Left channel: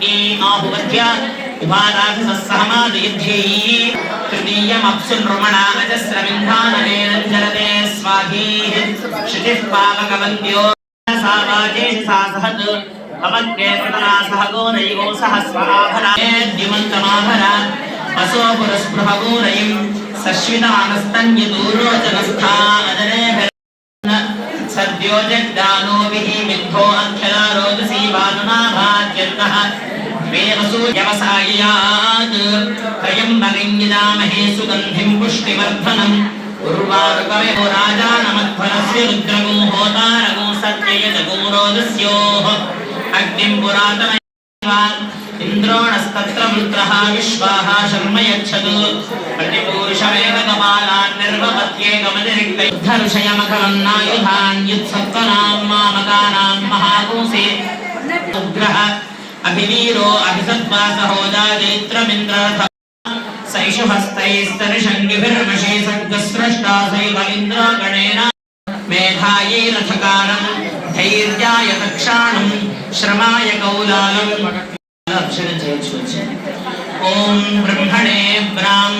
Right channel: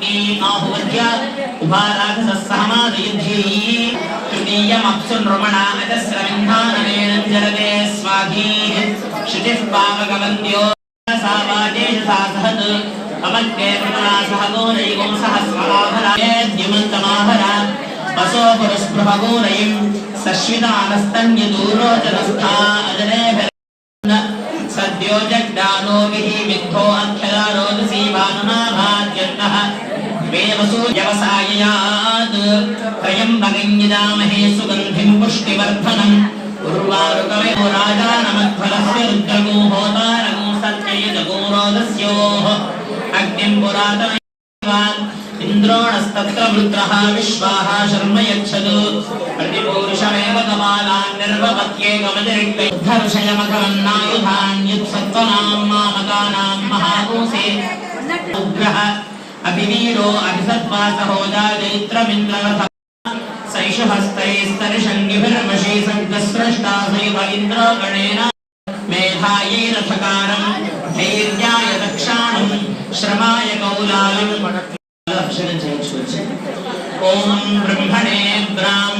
ఆహుమధ్య ఉపారాధసమానయుద్ధై తృతీయమప్సున్మణాజస్రమింధానజలదే స్వాధీ క్షితిః పావకవంద్యో సారాజేషు సాసహత్ పవక్కేతనాసహగో నైవో वेमसु व्यवसायात् त्रयं नरिञ्जदामहे सुगन्धिं पुष्टिवर्धनम् उर्वारुकवे राजानमध्वरस्य रुद्रगो होतारगो सत्ययजगो रोदस्योः अग्निं पुरातन इन्द्रोणस्तत्र वृत्रः विश्वाः शर्म यच्छतु प्रतिपूरुषमेव कपालान् निर्वपत्येकमतिरिक्तयुद्धविषयमखमन्नायुधान्युत्सत्त्वनां అభివీరో అభిసత్మా సహోజా జైత్రమింద్ర సైషుహస్తైస్తర్షంగిభిరమషే సర్గస్రష్టా సైత ఇంద్రాగణేన మేఘాయేన చకారం ధైర్యాయ దక్షాణం శ్రమాయ కౌలాయం అక్షరం చేయొచ్చు ఓం బ్రహ్మణే బ్రాహ్మ